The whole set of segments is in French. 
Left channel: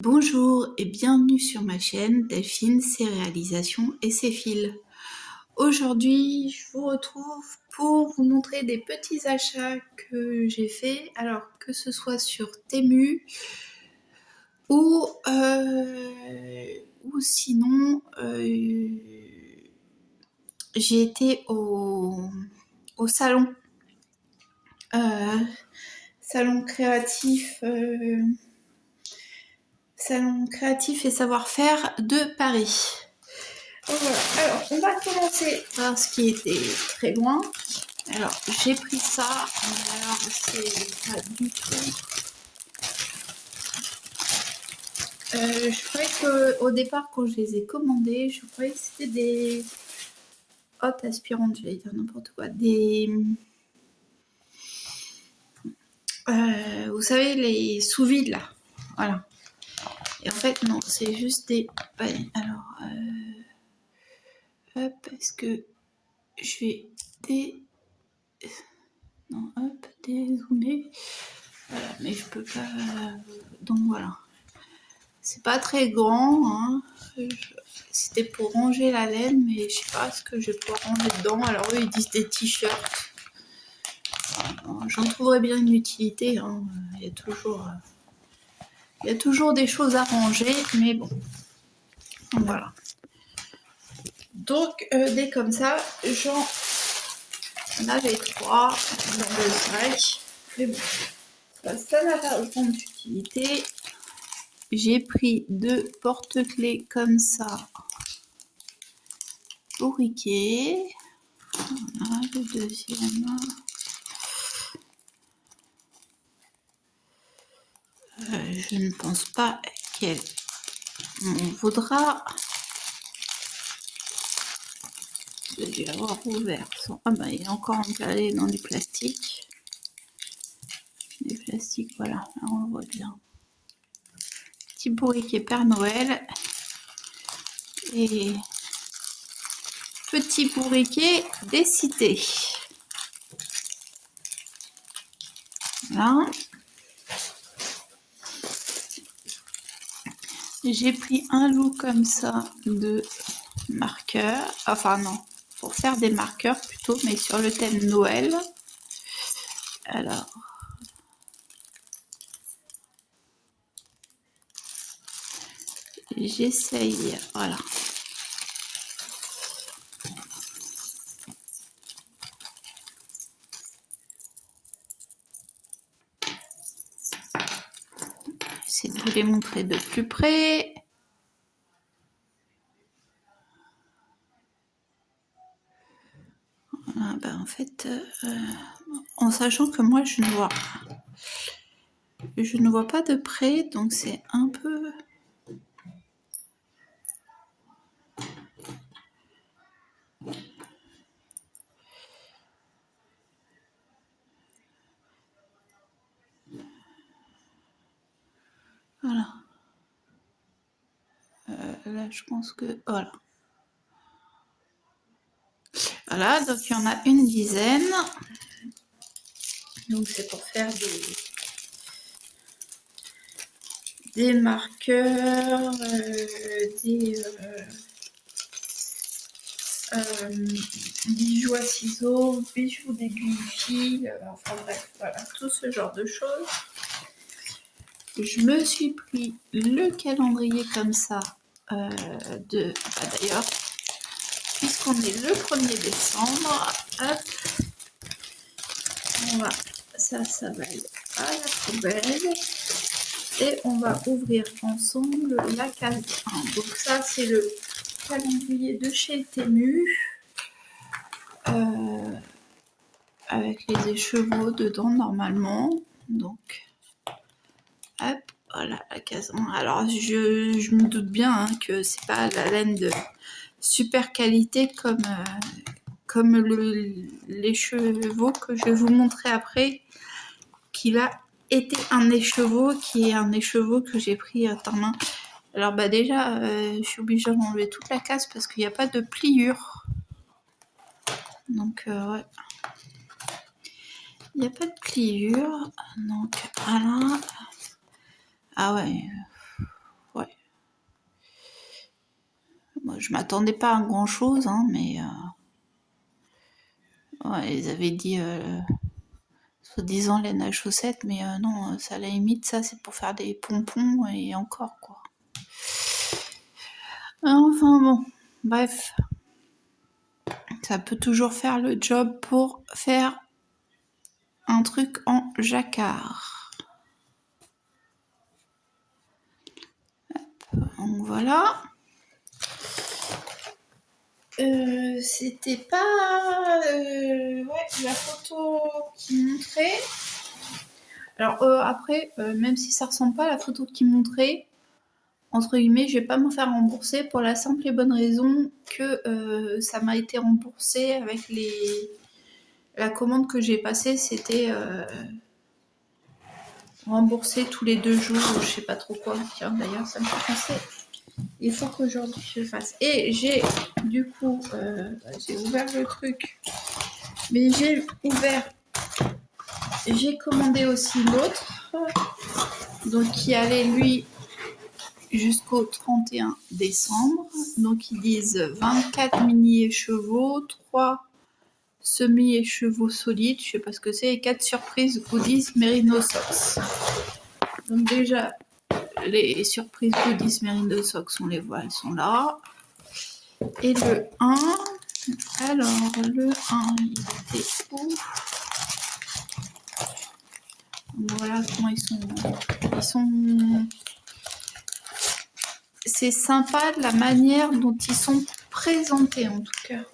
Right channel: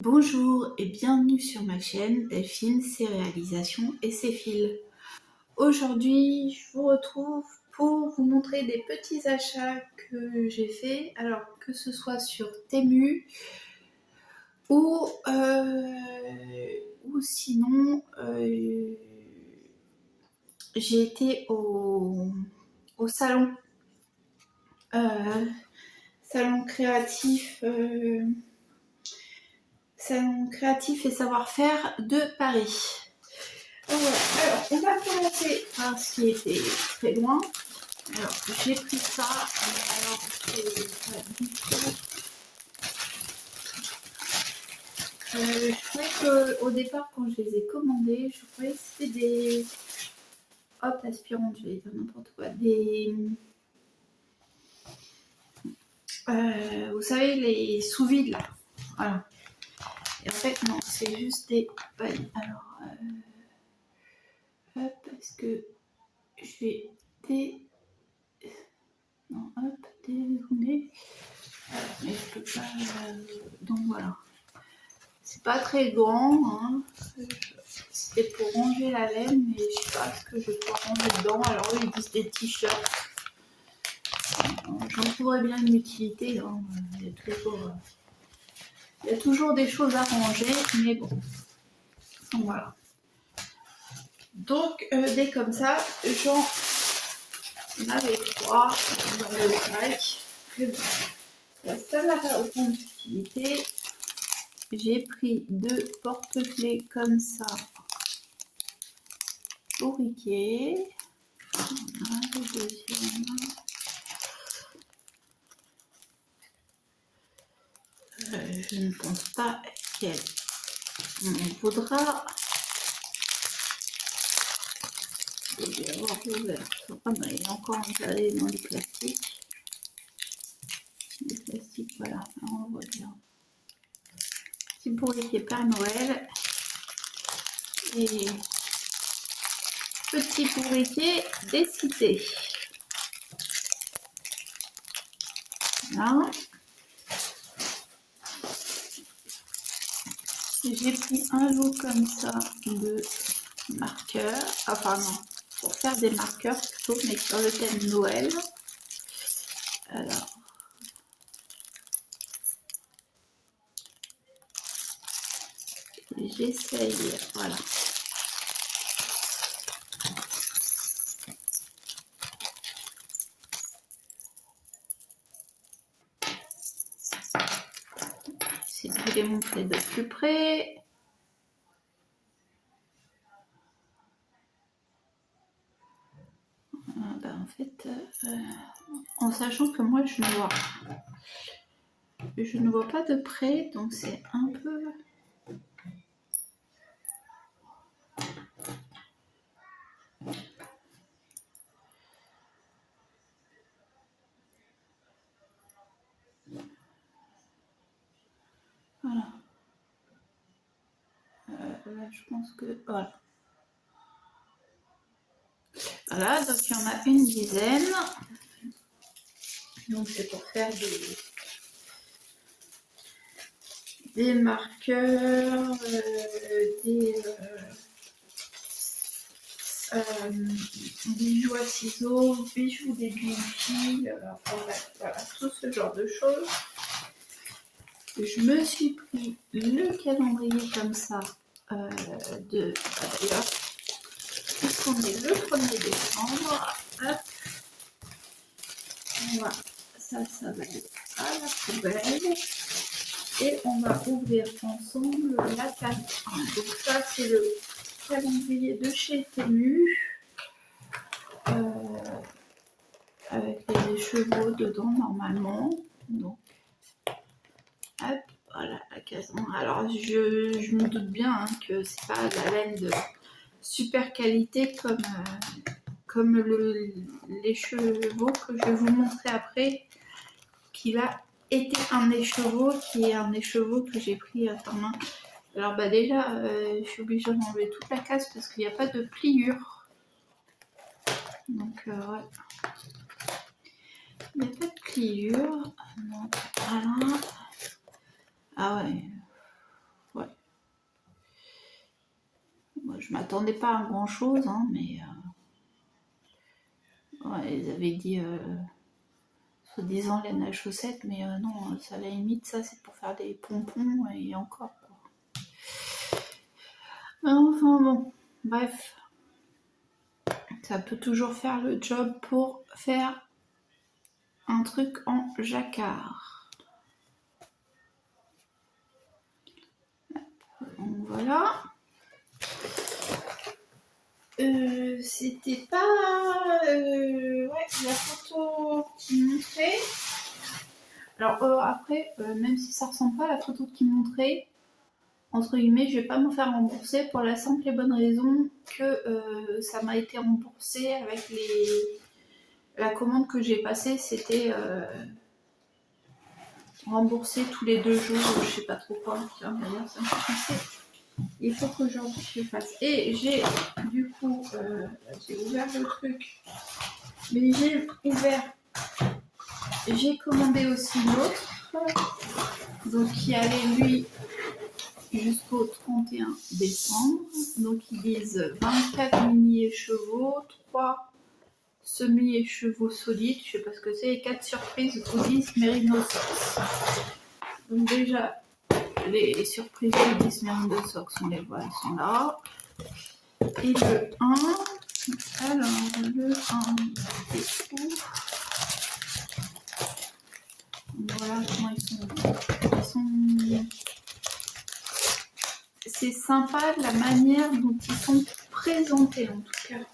Bonjour et bienvenue sur ma chaîne Delphine, ses réalisations et ses fils. Aujourd'hui, je vous retrouve pour vous montrer des petits achats que j'ai faits, alors que ce soit sur Temu ou sinon j'ai été au salon salon créatif salon créatif et savoir-faire de Paris. Voilà. Alors, on va commencer par ce qui était très loin. Alors, j'ai pris ça. Alors, c'est pas du tout. Je croyais qu'au départ, quand je les ai commandés, je croyais que c'était des hottes aspirantes, j'allais dire n'importe quoi. Des. Vous savez, les sous-vides là. Voilà. Et en fait, non, c'est juste des. Alors, hop, est-ce que je vais non, hop, dézoomer. Mais je peux pas. Donc voilà. C'est pas très grand. Hein. C'était pour ranger la laine, mais je sais pas ce que je peux ranger dedans. Alors eux, ils disent des t-shirts. J'en trouverais bien une utilité. Hein. Il y a toujours des choses à ranger, mais bon. Voilà. Donc, dès comme ça, j'en avais 3 dans le sac. Mais bon, ça n'a pas autant d'utilité. J'ai pris 2 porte-clés comme ça, bourriquets. Voilà, le deuxième. Je ne pense pas qu'elle m'en vaudra. Je vais dû avoir ouvert. Ah bah il est encore encalé dans du plastique. Des plastiques, voilà, là on le voit bien. Petit bourriquet Père Noël. Et petit bourriquet des cités. Voilà. J'ai pris un lot comme ça de marqueurs. Enfin non, pour faire des marqueurs plutôt, mais sur le thème Noël. Alors, j'essaye, voilà. J'essaie de vous les montrer de plus près. Voilà, ben en fait, en sachant que moi je ne vois pas de près, donc c'est un peu... Voilà. Là, je pense que... Voilà. Voilà, donc il y en a une dizaine. Donc c'est pour faire des marqueurs, des bijoux à ciseaux, bijoux d'aiguille fil, enfin bref, voilà, tout ce genre de choses. Je me suis pris le calendrier comme ça d'ailleurs, puisqu'on est le 1er décembre, hop, on va, ça va aller à la poubelle et on va ouvrir ensemble la case 1. Donc ça c'est le calendrier de chez Temu avec les écheveaux dedans normalement. Donc hop, voilà la case 1. Alors je me doute bien hein, que c'est pas la laine de super qualité comme l'écheveau que je vais vous montrer après, qu'il a été un écheveau, qui est un écheveau que j'ai pris à ta main. Alors bah déjà, je suis obligée d'enlever toute la casse parce qu'il n'y a pas de pliure. Donc ouais. Il n'y a pas de pliure. Donc voilà. Ah ouais. je m'attendais pas à grand chose, hein, mais ouais, ils avaient dit soi-disant laine à chaussettes, mais non, ça à la limite, ça c'est pour faire des pompons et encore quoi. Enfin bon, bref, ça peut toujours faire le job pour faire un truc en jacquard. Donc voilà. C'était pas la photo qui montrait. Alors après, même si ça ressemble pas à la photo qui montrait, entre guillemets, je vais pas me faire rembourser pour la simple et bonne raison que ça m'a été remboursé avec la commande que j'ai passée, c'était remboursé tous les 2 jours, je sais pas trop quoi. Tiens, d'ailleurs, ça me fait penser. Il faut qu'aujourd'hui je fasse. Et j'ai du coup, j'ai ouvert le truc, mais j'ai commandé aussi l'autre, donc qui allait lui jusqu'au 31 décembre. Donc ils disent 24 mini écheveaux, 3 semi-écheveaux solides, je sais pas ce que c'est, et 4 surprises goodies Merino Socks. Donc déjà, les surprises goodies Merino Socks, on les voit, elles sont là. Et le 1, alors le 1, il était où? Voilà comment ils sont. C'est sympa la manière dont ils sont présentés en tout cas.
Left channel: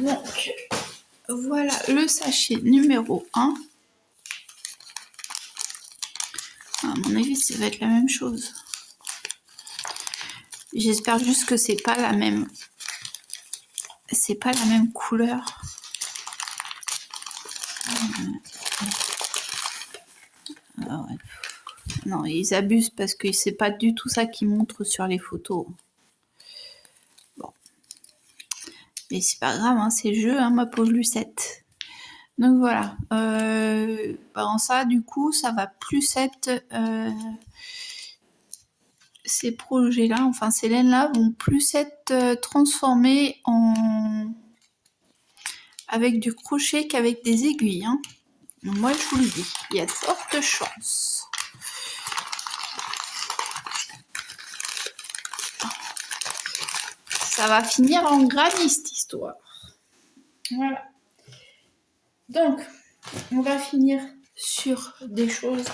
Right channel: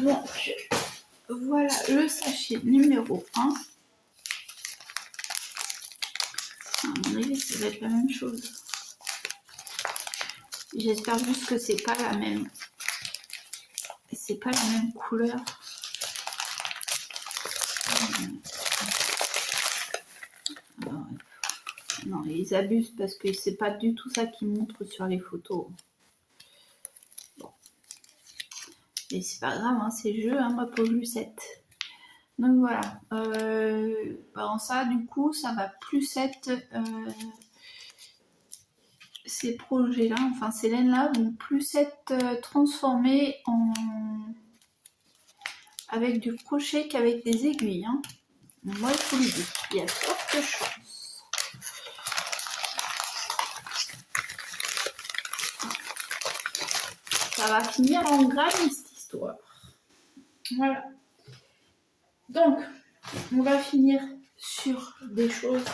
Donc voilà le sachet numéro 1. À mon avis, ça va être la même chose. J'espère juste que c'est pas la même. C'est pas la même couleur. Ah ouais. Non, ils abusent parce que c'est pas du tout ça qu'ils montrent sur les photos. Bon. Mais c'est pas grave, hein, c'est le jeu, hein, ma pauvre Lucette. Donc voilà. En ça, du coup, ça va plus être... ces projets-là, enfin ces laines-là, vont plus être transformées avec du crochet qu'avec des aiguilles. Hein. Moi, je vous le dis, il y a de fortes chances. Ça va finir en granit, cette histoire. Voilà. Donc, on va finir sur des choses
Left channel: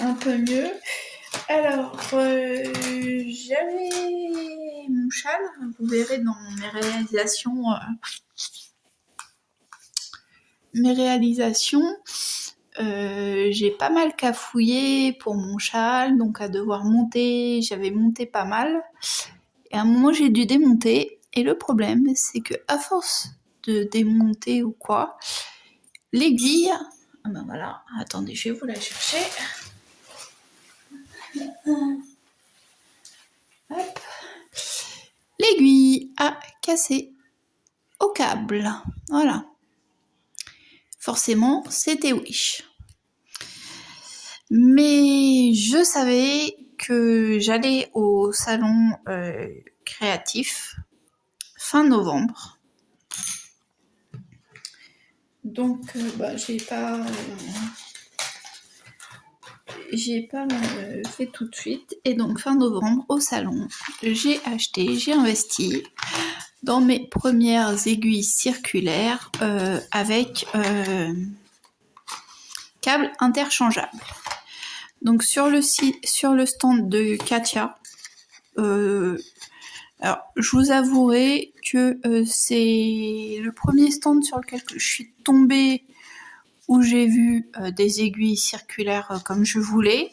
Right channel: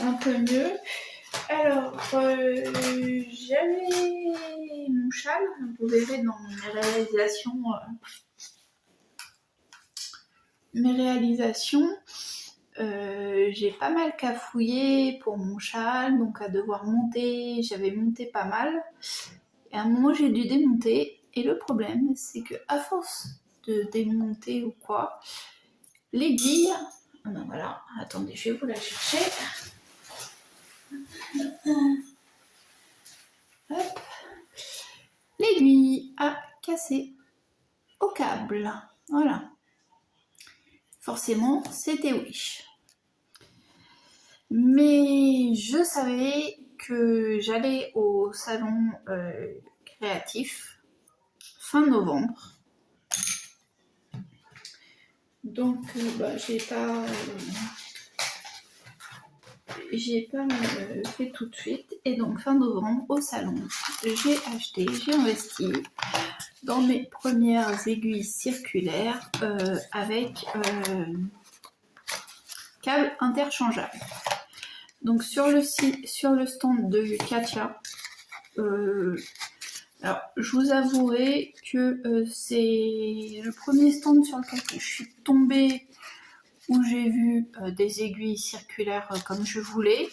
un peu mieux. Alors, j'avais mon châle, vous verrez dans mes réalisations, j'ai pas mal cafouillé pour mon châle, donc à devoir monter, j'avais monté pas mal. Et à un moment, j'ai dû démonter. Et le problème, c'est que à force de démonter ou quoi, l'aiguille... Ah ben voilà, attendez, je vais vous la chercher. Hop. L'aiguille a cassé au câble. Voilà. Forcément, c'était Wish. Mais je savais que j'allais au salon créatif fin novembre. Donc, j'ai pas fait tout de suite. Et donc, fin novembre, au salon, j'ai investi dans mes premières aiguilles circulaires avec câble interchangeable. Donc, sur le stand de Katia, alors, je vous avouerai que c'est le premier stand sur lequel je suis tombée où j'ai vu des aiguilles circulaires comme je voulais.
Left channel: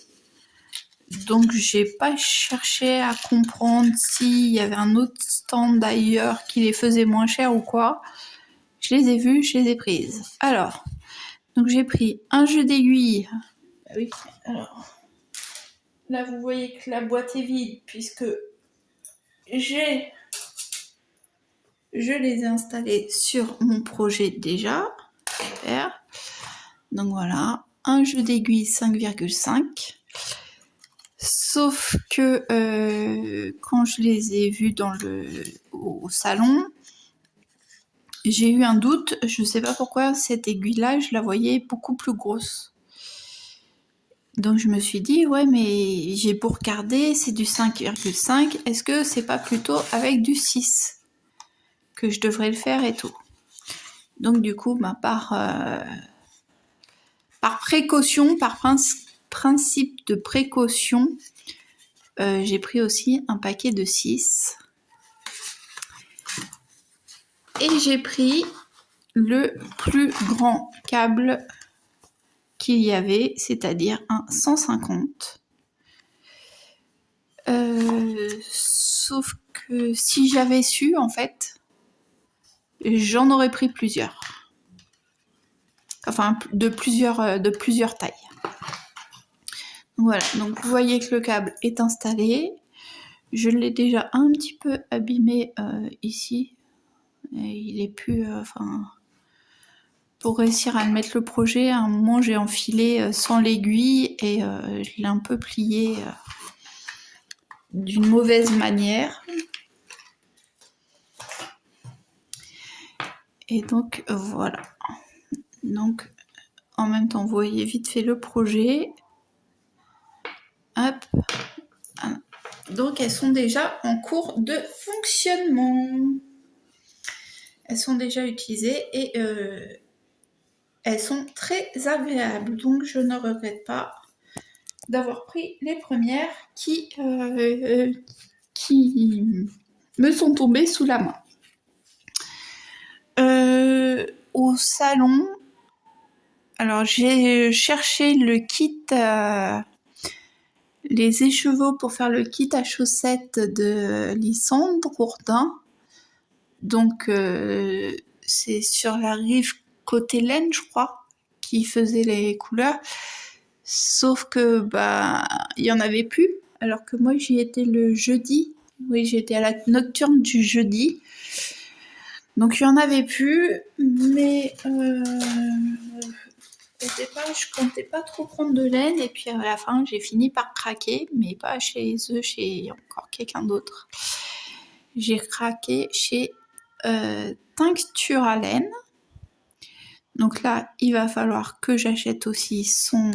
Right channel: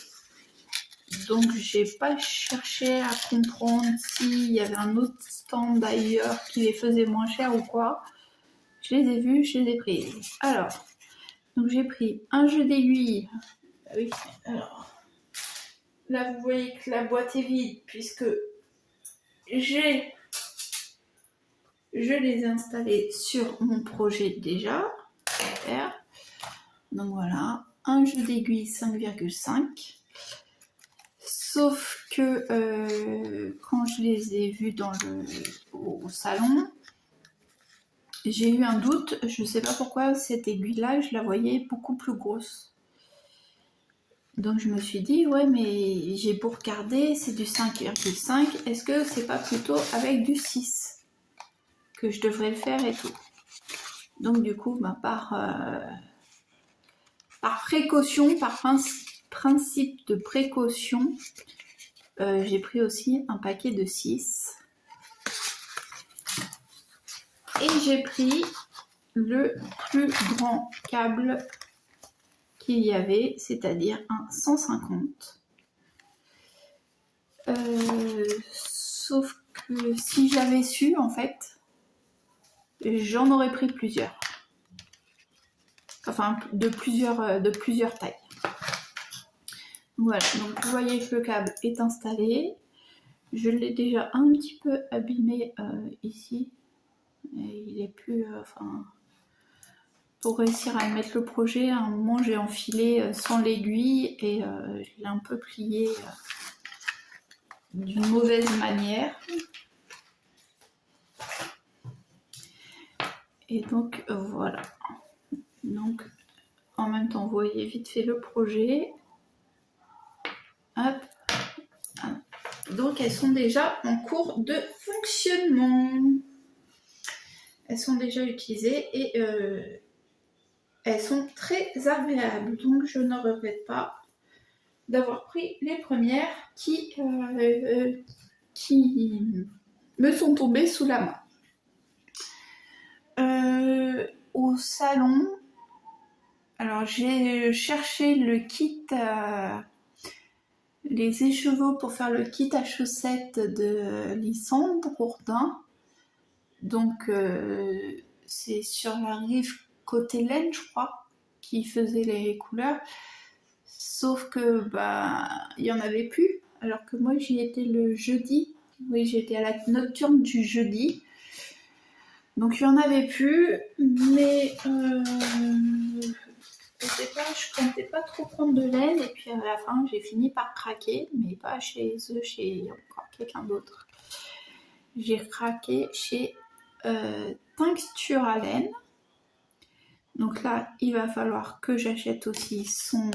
Donc, j'ai pas cherché à comprendre s'il y avait un autre stand ailleurs qui les faisait moins cher ou quoi. Je les ai vues, je les ai prises. Alors, donc j'ai pris un jeu d'aiguilles. Ah oui, alors là, vous voyez que la boîte est vide puisque je les ai installés sur mon projet déjà. Super. Donc voilà, un jeu d'aiguille 5,5. Sauf que quand je les ai vus au salon, j'ai eu un doute. Je ne sais pas pourquoi cette aiguille-là, je la voyais beaucoup plus grosse. Donc je me suis dit, ouais, mais j'ai beau regarder, c'est du 5,5. Est-ce que c'est pas plutôt avec du 6 que je devrais le faire et tout? Donc du coup, par précaution, par principe de précaution, j'ai pris aussi un paquet de 6. Et j'ai pris le plus grand câble qu'il y avait, c'est-à-dire un 150. Sauf que si j'avais su, en fait, j'en aurais pris plusieurs. Enfin, de plusieurs tailles. Voilà, donc vous voyez que le câble est installé. Je l'ai déjà un petit peu abîmé ici. Et il est plus... pour réussir à mettre le projet, à un moment j'ai enfilé sans l'aiguille et je l'ai un peu plié d'une mauvaise manière. Et donc voilà. Donc en même temps vous voyez vite fait le projet. Hop. Donc elles sont déjà en cours de fonctionnement. Elles sont déjà utilisées et elles sont très agréables. Donc je ne regrette pas d'avoir pris les premières qui me sont tombées sous la main. Au salon, alors j'ai cherché le kit, les écheveaux pour faire le kit à chaussettes de Lysandre Bourdin. Donc c'est sur la rive côté laine, je crois, qui faisait les couleurs. Sauf que il y en avait plus, alors que moi j'y étais le jeudi. Oui, j'étais à la nocturne du jeudi. Donc il n'y en avait plus, mais au départ je comptais pas trop prendre de laine et puis à la fin j'ai fini par craquer, mais pas chez eux, chez encore quelqu'un d'autre. J'ai craqué chez Tincture à laine. Donc là il va falloir que j'achète aussi son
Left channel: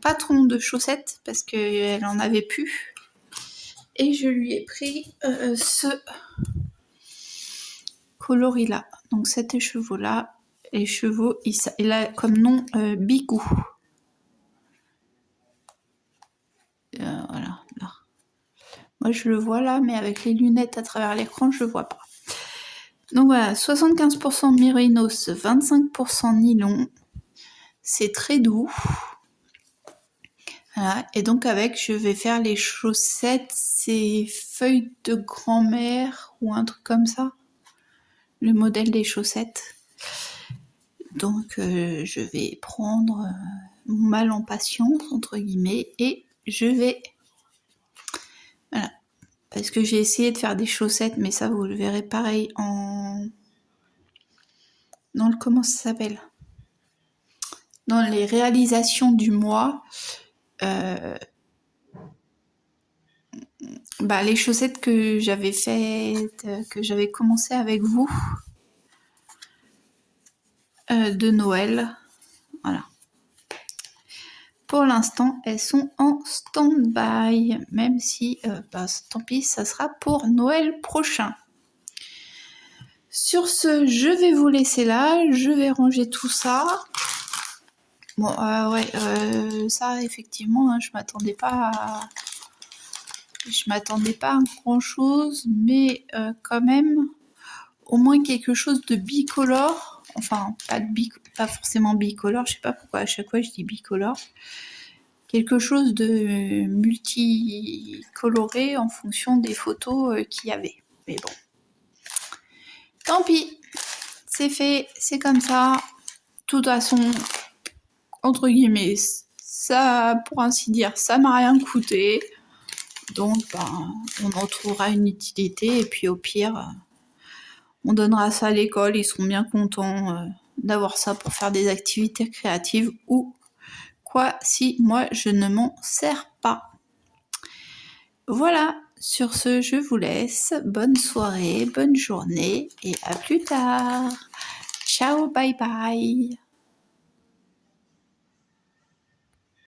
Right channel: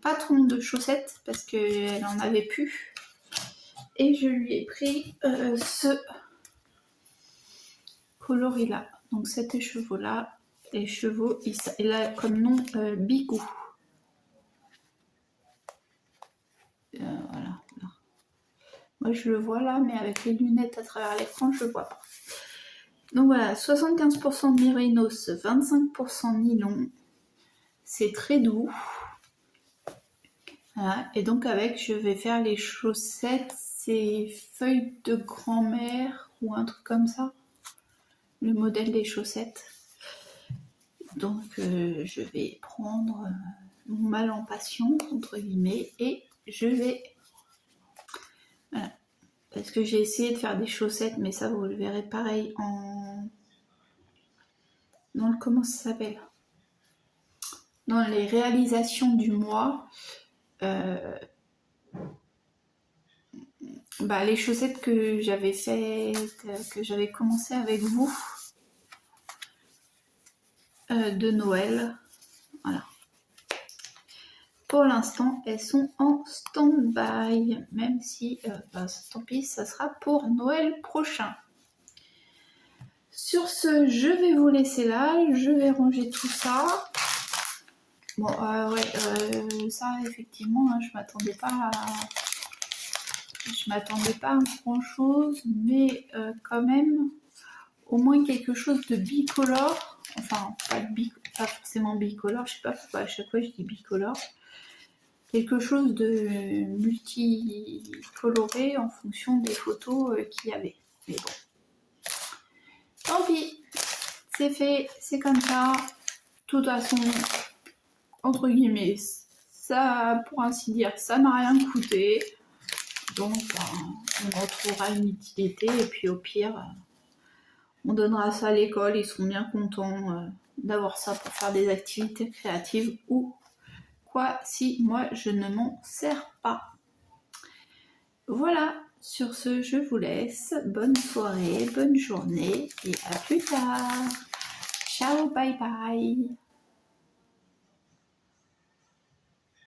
patron de chaussettes parce qu'elle en avait plus. Et je lui ai pris ce coloris là. Donc cet écheveau là. L'écheveau, il a comme nom Bigou. Voilà. Là. Moi je le vois là, mais avec les lunettes à travers l'écran, je le vois pas. Donc voilà, 75% mérinos, 25% nylon. C'est très doux. Voilà. Et donc avec, je vais faire les chaussettes, c'est feuilles de grand-mère ou un truc comme ça. Le modèle des chaussettes. Donc je vais prendre mon mal en patience, entre guillemets, et je vais... Voilà. Parce que j'ai essayé de faire des chaussettes, mais ça vous le verrez pareil dans le... Comment ça s'appelle? Dans les réalisations du mois. Les chaussettes que j'avais faites, que j'avais commencé avec vous de Noël. Voilà. Pour l'instant, elles sont en stand-by, même si, tant pis, ça sera pour Noël prochain. Sur ce, je vais vous laisser là, je vais ranger tout ça. Bon, ça, effectivement, hein, je m'attendais pas à grand-chose, mais quand même, au moins quelque chose de bicolore. Enfin, pas forcément bicolore, je sais pas pourquoi à chaque fois je dis bicolore. Quelque chose de multicoloré en fonction des photos qu'il y avait. Mais bon, tant pis, c'est fait, c'est comme ça. De toute façon, entre guillemets, ça, pour ainsi dire, ça m'a rien coûté. Donc, on en trouvera une utilité et puis au pire, On donnera ça à l'école, ils seront bien contents d'avoir ça pour faire des activités créatives ou quoi si moi je ne m'en sers pas. Voilà, sur ce je vous laisse. Bonne soirée, bonne journée et à plus tard. Ciao, bye bye.